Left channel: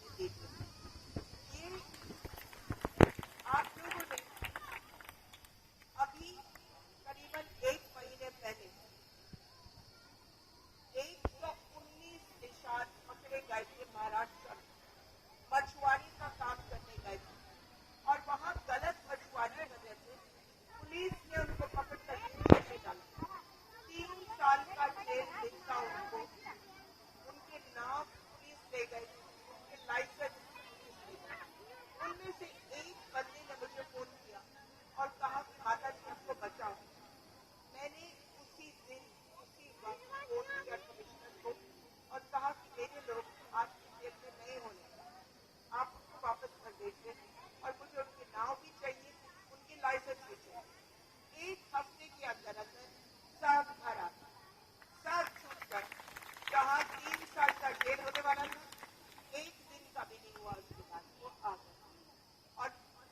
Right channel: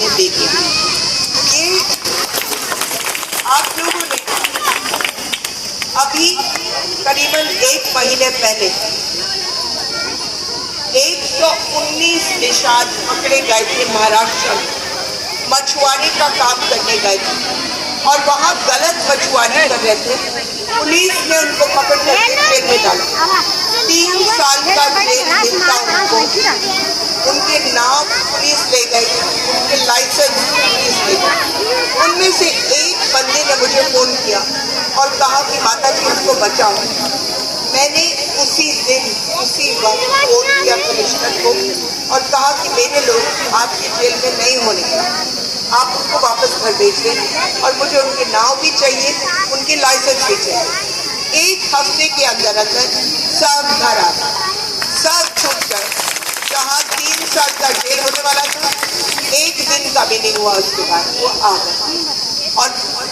मैंने देखे। ये आप लोगों ने अभी करीबन 1 महीने पहले 119 निषाद पकड़े गए थे महाराष्ट्र में, मछुआरे का काम करने गए थे और वहाँ गलत मछुआरे कर रहे थे। पुलिस ने उनको पकड़ कर जेल में डाला। 3 साल का जेल मिलता उनको। उनके नाम पुलिस ले गई, उनके लाइसेंस पुलिस ले गई। उनमें से एक बंदे ने मुझे फोन किया और कहा कि माता जी हमको बचाओ। मैंने उसी दिन उसी वक्त फोन किया कमिश्नर को और कहा कि मेरे लोग आपके जेल में नहीं होने, आप उनको वापस घर भेज दें और मुझे उनके नाम भी चाहिए, उनके लाइसेंस भी चाहिए। 1 हफ्ते के अंदर अंदर सब घर आ गए, सब छूट गए। जहाँ 3 साल का जेल होने वाला था, 1 दिन का भी नहीं हुआ उसके बाद वो आ गए। और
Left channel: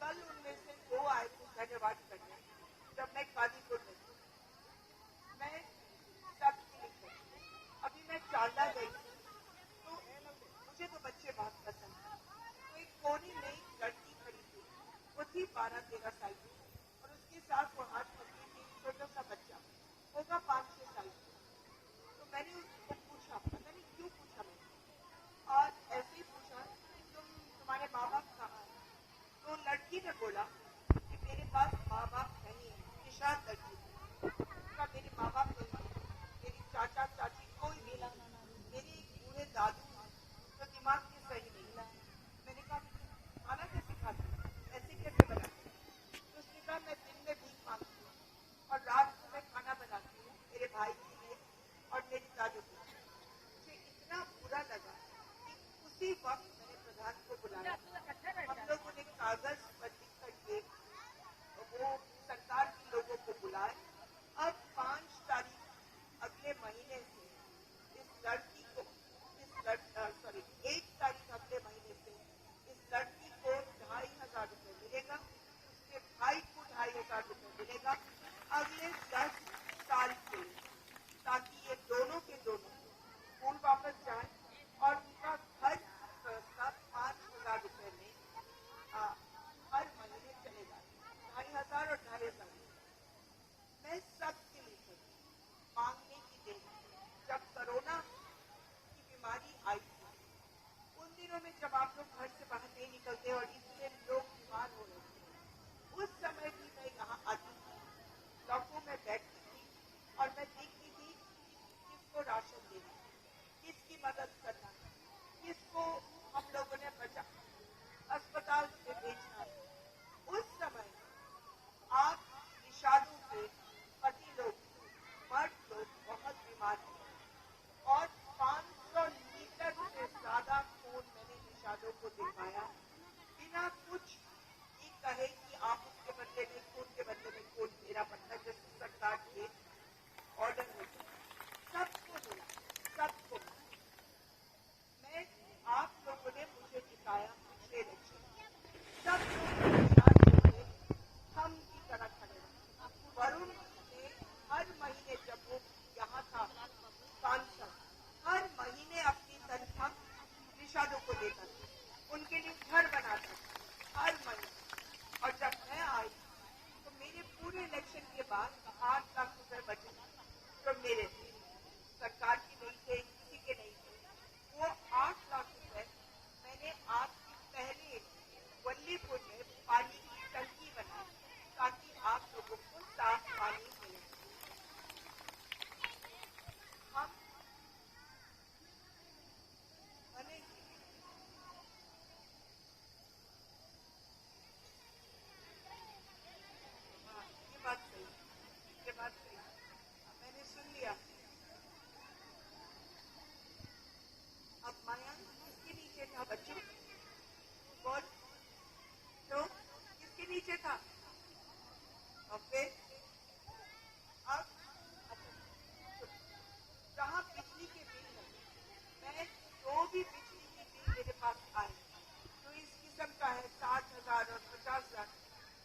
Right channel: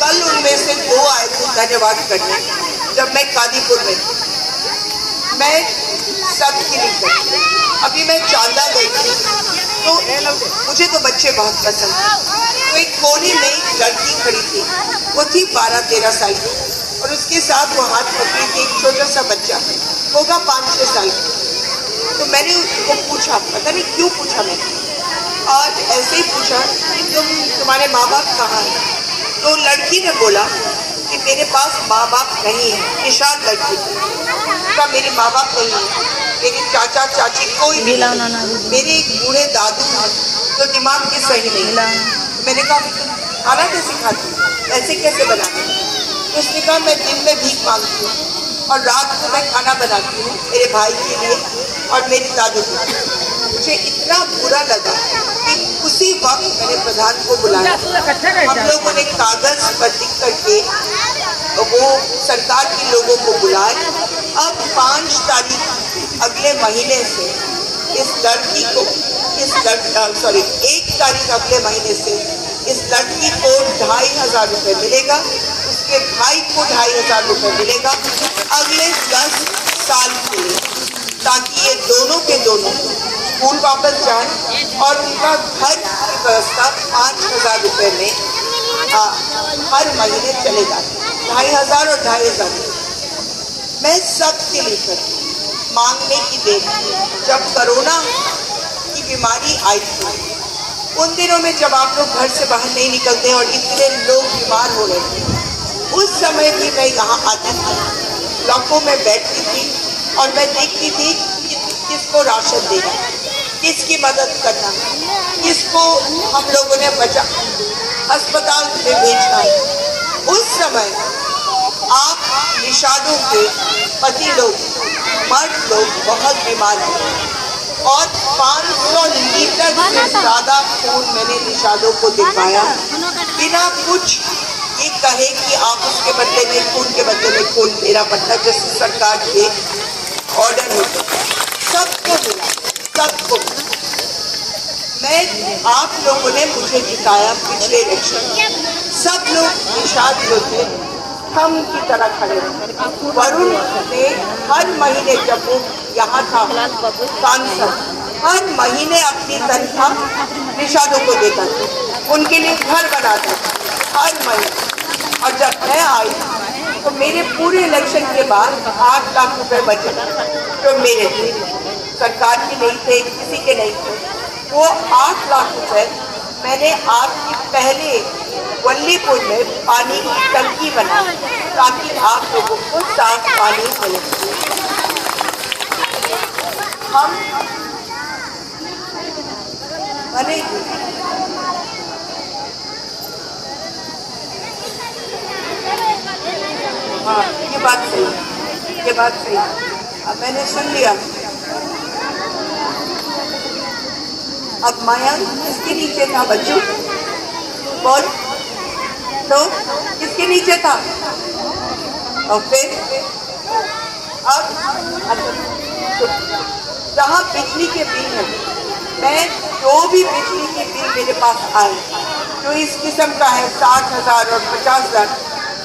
कल उनमें से 2 आए थे धन्यवाद करने। जब मैं कादीपुर में थी, मैं सबकी लिखी, अभी मैं चांदा गई थी तो मुझे तो बच्चे बहुत पसंद थे। तो एक कोने में एक लड़की खड़ी थी, वो थी 12-13 साल की और उसके साथ वो हाथ पकड़ी थी एक छोटा सा बच्चा, होगा 5-6 साल का। तो मैंने उसको पूछा, पता नहीं क्यों पूछा मैंने, और ऐसे ही पूछा कि तुम्हारे माँ बाप कहाँ हैं? तो लड़की ने बोला कि मेरे पास माँ बाप नहीं है। निषाद लड़की का मेरे माँ बाप नहीं है, मेरे चाचा चाची कोई भी नहीं, मेरे एक बूढ़े दादू हैं जो दिमाग के सही नहीं। मैंने कहा खाना कैसे खाती, ऐसे कैसे बनाती? तो उसने कहा मैं दिन में भीख मांगती हूँ और रात को मैं खाना बनाती हूँ मेरे भाई के लिए और मेरे दादू के लिए। मुझे इतना बुरा लगा कि उसी वक्त मैंने प्रधान को बुलाया। हम लोगों ने कागज पर लिख करके वो सरकार के लोगों को बुलाए। अब 5 तारीख अगले महीने से इस लड़की को 1 तारीख अगले महीने से इस लड़की को 2,500 रुपये मिलेगा, उसके भाई को 2,500 रुपये मिलेगा अगले 10 साल के लिए, ताकि ये दोनों के दोनों स्कूल वापस जाएं और उनका घर की व्यवस्था 5,000 रुपये में हर महीने चलेगा। 2,500 और 2,500 मैं सबके लिए करती मांगने की देर। जब कोरोना की बीमारी आई थी उन दिनों में, जब आप लोग घर से बाहर नहीं निकलते और इतने लोग बीमार हो रहे थे, उस समय भी मैं यहाँ आती थी, ब्लॉकों में बैठती थी और मैं देखती थी कि किसको राशन देना, किसकी मदद करना, किसको हम लोगों ने बचा अस्पताल में भेजना है। उस समय आप निषादों के पति लोग, मर्द लोग बहुत बीमार हैं और 500 लीटर से ज़्यादा खून मैंने निषादों को दिखाया बिना कुछ ये कहे कि आप उसके बदले में खून के बदले में खून मेरा पड़ता, जैसे सरकार के ऑर्डर होते सबको मिला, सबको। मैं आप लोगों ने मुझे जिताया पिछले इलेक्शन, सब लोग निषाद जो थे हम की तरह खड़े रहे। वरुण ने हर महीने, जब वो यहाँ था सांसद, हर महीने अपनी तनख्वाह निषादों को देता था, उनके लिए घर बनाता था हर महीने। और जब मैं आई तो मेरे पूरे इलेक्शन के बाद 8 लाख रुपए बचे जो मेरे थे, सरकार के नहीं थे, किसी के नहीं थे। वो 8 लाख रुपए मैंने आपके पहले वल्लीपुर में पानी की टंकी बनाई ताकि आप लोगों को साफ पानी मिले। हम बनेगी हाँ, ये बात सही, ये बात सही। अब मैंने सुन लिया। अब मयंक किसके नीचे था बच्चों? बोल तो किसके नीचे था? और फिर अब जहाँ बिजली के बिल है, मैं जो भी बिजली के बिल मेरे पास आए जो इस किस्म का है 60,000 और 50,000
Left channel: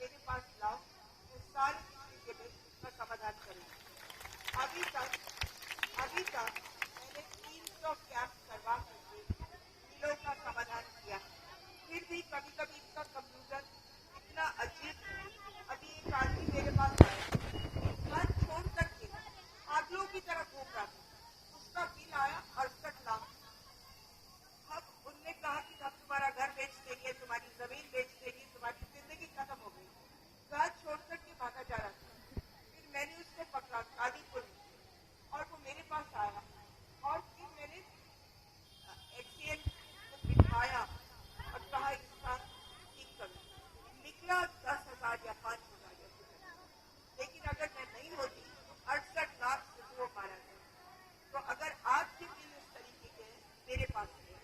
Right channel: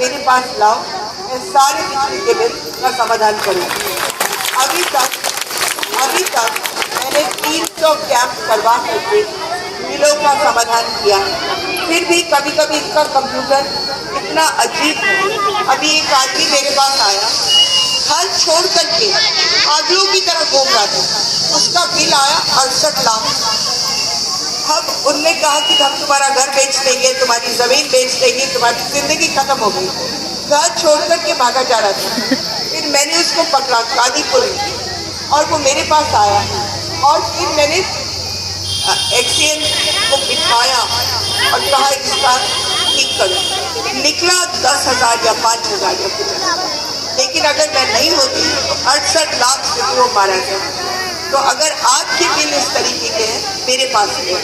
मेरे पास लाओ, मैं सारे बिजली के बिल का समाधान करूँगी। अभी तक मैंने 300 कैंप करवा करके मुश्किलों का समाधान किया। फिर भी कभी कभी इसका कंप्यूटर इतना अजीब है। अभी एक आदमी मेरे पास आया, घर छोड़ करके पागलों की तरह घूम रहा था। उसका बिल आया 68 लाख। अब उनने कहा कि हम तुम्हारा घर बेच देंगे, तुम्हारी जमीन बेच देंगे, तुम्हारी जिंदगी खत्म हो गई। घर छोड़ करके भागा जा रहा था। फिर मैंने उसको पकड़ा कादीपुर में और वो मेरे पास आया और फिर मैंने एक्सीएन को बिठाया और कहा इसका ठीक करो। निकला 10,000 या 5,000 या कुछ। लेकिन अगर मैं नहीं होती तो 68 लाख से वो मारा गया। तो अगर आपके बिल इस तरीके के हैं, मेरे पास है।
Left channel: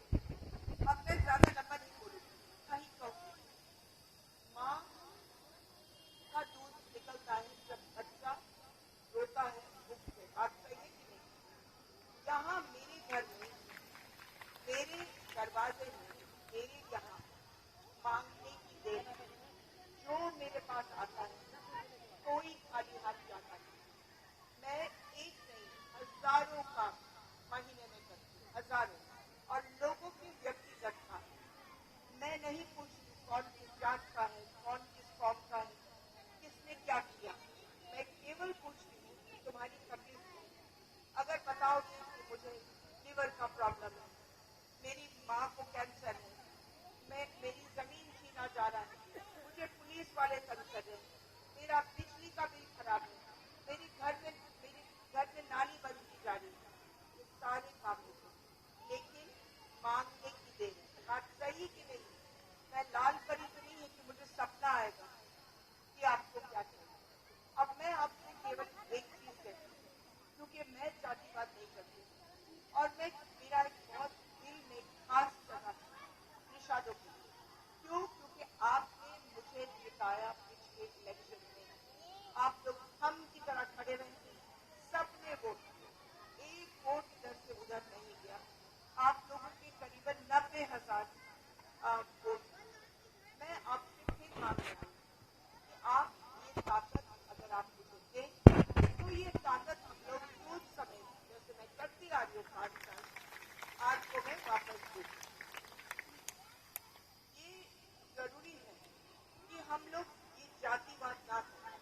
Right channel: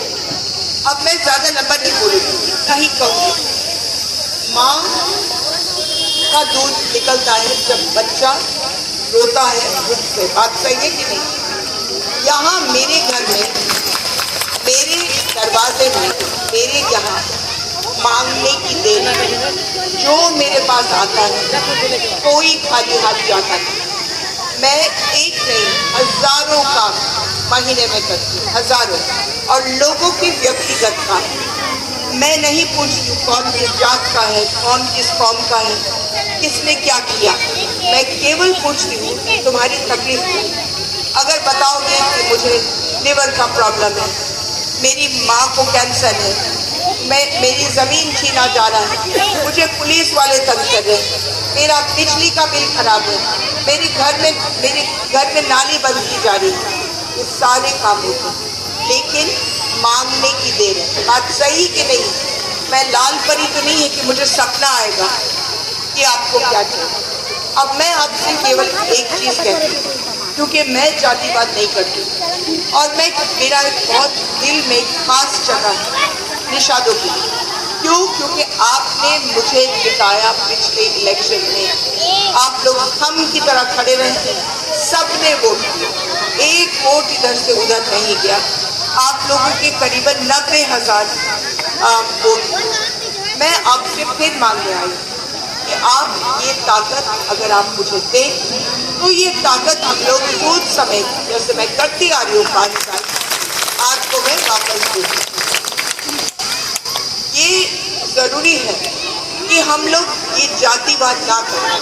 अब मैं ज़्यादा लंबा नहीं बोलूँगी, कहीं कहूँगी। माँ का दूध निकलता है जब बच्चा रोता है उससे। बात सही है कि नहीं? यहाँ मेरे घर में, मेरे दरवाजे में, मेरे यहाँ मांगने की देर है। जो मेरे पास आता है कोई खाली हाथ जाता नहीं। मैं एक नहीं हजारों काम महीने में करती हूँ, हजारों, और लोगों के व्यक्तिगत काम। मैं नहीं पूछती कौन किस जात का है, कौन किस कौम का है, किसने क्या किया। मैं केवल पूछती हूँ तुम्हारी तकलीफ क्या। अगर बताओगे कि मुझे लिवर का प्रॉब्लम है, मेरी माँ को कैंसर है, मेरी ज़मीन छीना जा रहा है, मुझे पुलिस वाले तंग कर रहे हैं, मेरा बिजली का बिल खराब है, मेरे घर में नाली बंद की जा रही है, ये सारे काम होते हैं। लेकिन मांगने की देर है। बात सही कि नहीं? मैं लाल परी तो नहीं है कि मुझे सपना आएगा कि आपको क्या चाहिए। अब मैं आपसे केवल एक चीज़ कहती हूँ, क्योंकि मैं जातिवाद नहीं करती और मेरा एक बहुत दिल में खास जगह है निषादों की। क्यों? क्योंकि आपने मुझे जिताया पिछले इलेक्शन में। आप लोग हम की तरह खड़े रहे, सबने वोट किया, एक वोट इधर से उधर नहीं गया। आप लोगों के करीबन 90,000 वोट। मैं आपसे फिर मांगने आई कि आप ये ताकत अगर आप मुझे दें तो ये ताकत हम लोग सूद समय जैसे मैं करती आ रही हूँ 5 साल, आपको मैं वापस दूँ। ये ज़रूरी है कि हम लोग ये जातिवाद ना करें।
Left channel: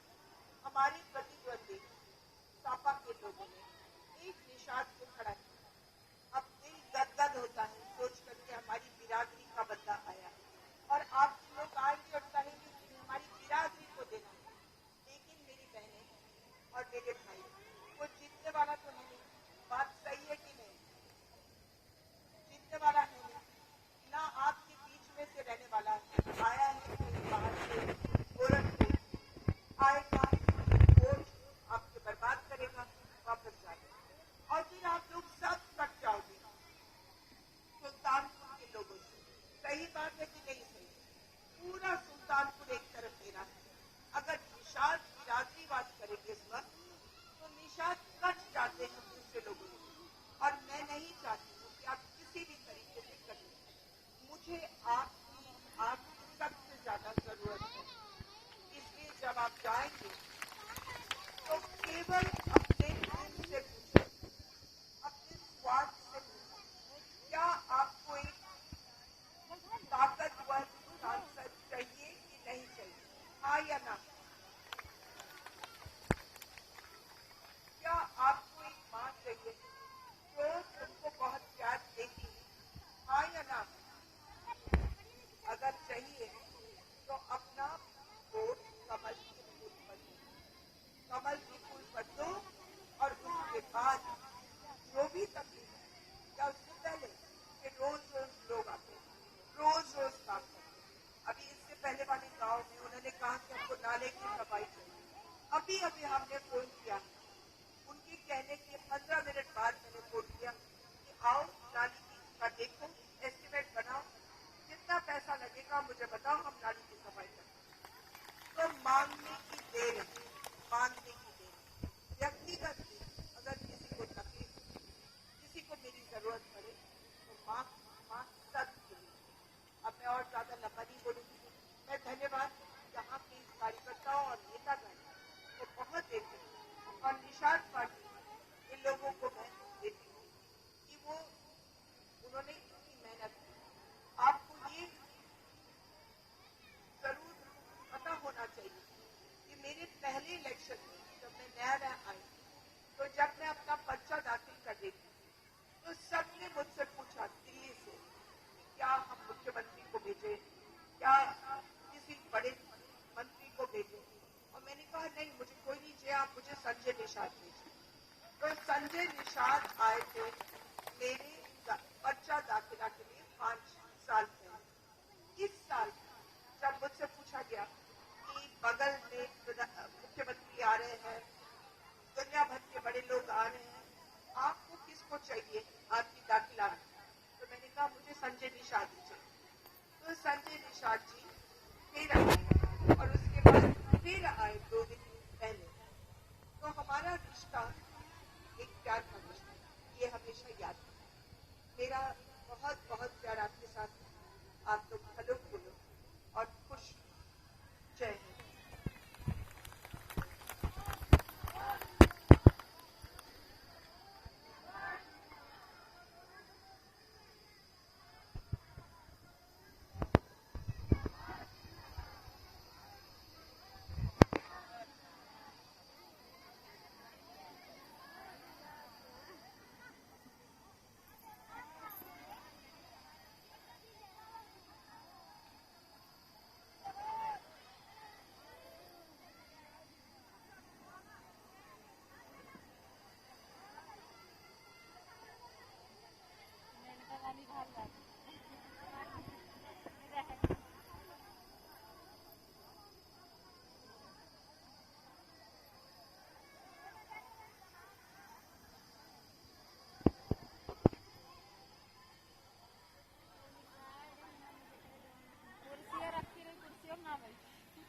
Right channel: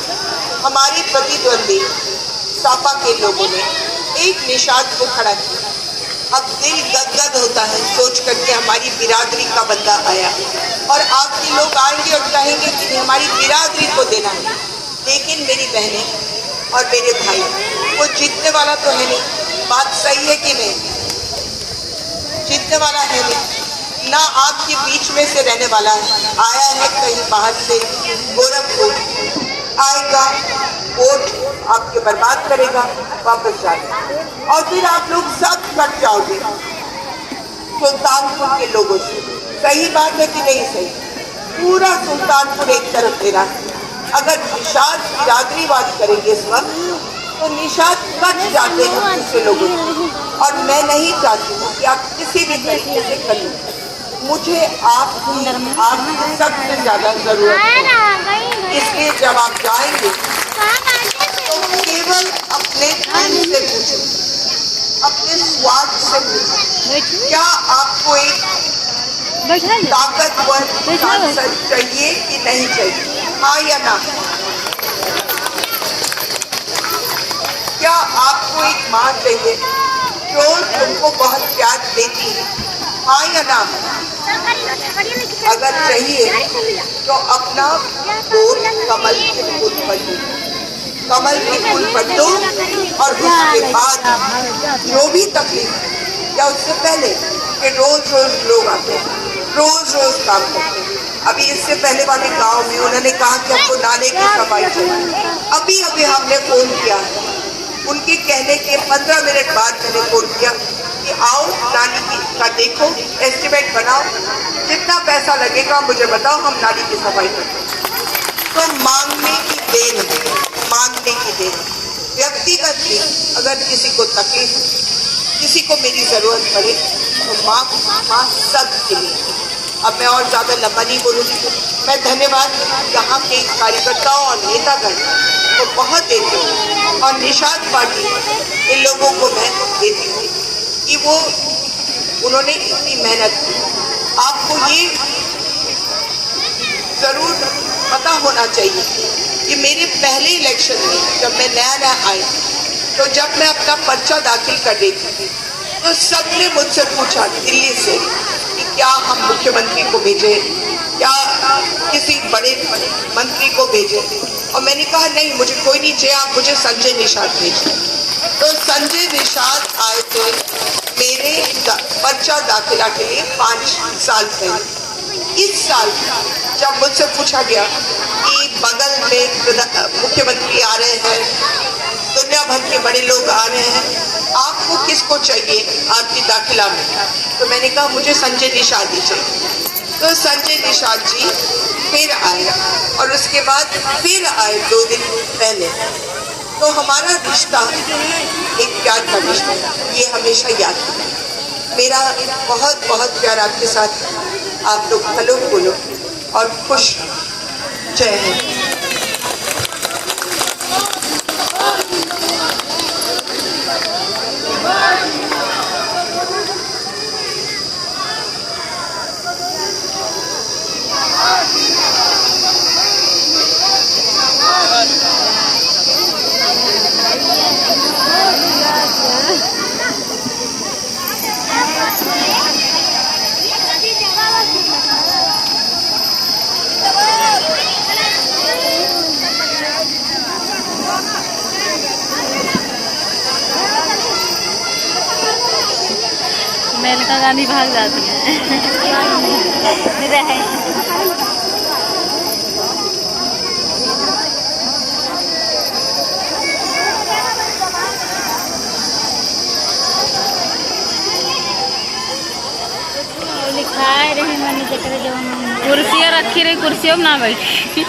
हमारे प्रतिद्वंदी सापा के लोगों ने एक निषाद को खड़ा किया। अब दिल गदगद होता है सोच करके हमारी बिरादरी का बंदा आया, और आपके लोग आएंगे और कहेंगे कि हमारी बिरादरी को देना है। लेकिन मेरी बहनें और मेरे भाई, वो जीतने वाला तो है नहीं। बात सही है कि नहीं? जीतने वाला है नहीं, ना आपके बीच में से रहने वाला है। आया है कहीं बाहर से, गोरखपुर आएगा, वोट आपके बर्बाद करेगा, वापस जाएगा, और फिर आप लोग सब कट जाओगे सुल्तानपुर के लोगों से। सही बात है कि नहीं सही? पूरा सुल्तानपुर एक तरफ दे रहा है। अगर निषाद बिरादरीवाद करेंगे इस वक्त तो निषाद कट जाते हैं दूसरे लोगों से, और मैं नहीं चाहती हूँ कि आप किसी भी तरीके से करें। मुझे आपकी सबसे ज़्यादा ज़रूरत है। इसलिए जब आप जाएंगे तो केवल अपने दिल से पूछें, अपने स्वार्थ से पूछें, क्या आपको एक ताकतवर सांसद चाहिए कि नहीं चाहिए? हाँ या ना? क्या आपको एक माँ चाहिए जो तुमको बहुत प्यार देती है? हाँ या ना? अगर चाहिए तो अपना वोट कमल के फूल पर दो, कमल के फूल पर दो, और उसके बाद जो भी तकलीफ, या उससे पहले कि रोज रोज लोग आते हैं, रोज रोज काम करते हैं। अभी इससे पहले वाले गांव में उन्होंने कहा कि हमको नाले की सफाई चाहिए। अभी अभी हमने फोन किया, उनके कहने के 15 मिनट बाद मैंने फोन किया कि आओ नाली का देखो, एस्टिमेट बनाओ, जितना पैसा लगेगा मुझे बताओ, हम नाली की सफाई करें। तो मांगने की देर है, मांगने की देर। व्यक्तिगत भी अगर किसी को तकलीफ, किसी को मेरी ज़रूरत पड़े तो माँ सबके लिए। अब मैं और ज़्यादा लंबा नहीं बोलूँगी। मैं धन्यवाद यहाँ के कार्यकर्ताओं और नेतागण को बहुत देती हूँ, और निषाद पार्टी इन लोगों को मैं देती हूँ कि वो उन्होंने इतनी मेहनत की। आपको ये जरूर पता होना चाहिए कि मेरे पहले इलेक्शन में जब मैं नया आई, तो जब मैं अपना पर्चा दाखिल कर रही थी तो सबने मुझसे पूछा दिल्ली से कि क्या हम मुख्यमंत्री को भेजे, क्या किसी बड़े मंत्री को भेजे। और मैंने कहा नहीं, मुझे कोई नहीं चाहिए, आप मुझे संजय निषाद भेजिए। तो संजय निषाद आए थे मेरे पर्चा दाखिला के लिए 5 साल पहले। इस साल जब मुझसे पूछा गया कि बगल में मुख्यमंत्री आ रहे हैं, दुनिया भर के बड़े लोग आ रहे हैं, आपको किसको चाहिए आपकी दाखिला में, तो मैंने कहा मुझे संजय निषाद ही चाहिए। तो संजय निषाद जी फिर आए और उसके बाद फिर आए 2 दिन पहले। तो हमारा रिश्ता एक प्यार का रिश्ता, ये हमेशा याद रखें। मेरा बहुत बहुत प्यार आपके साथ। आप लोग हेलो बोलो और खुश। जय हिंद। मेनका गांधी भाग जाती है। लिखाए रहे मैंने कुर्सियाँ रखी रही, कुर्सियों में ना बैठी।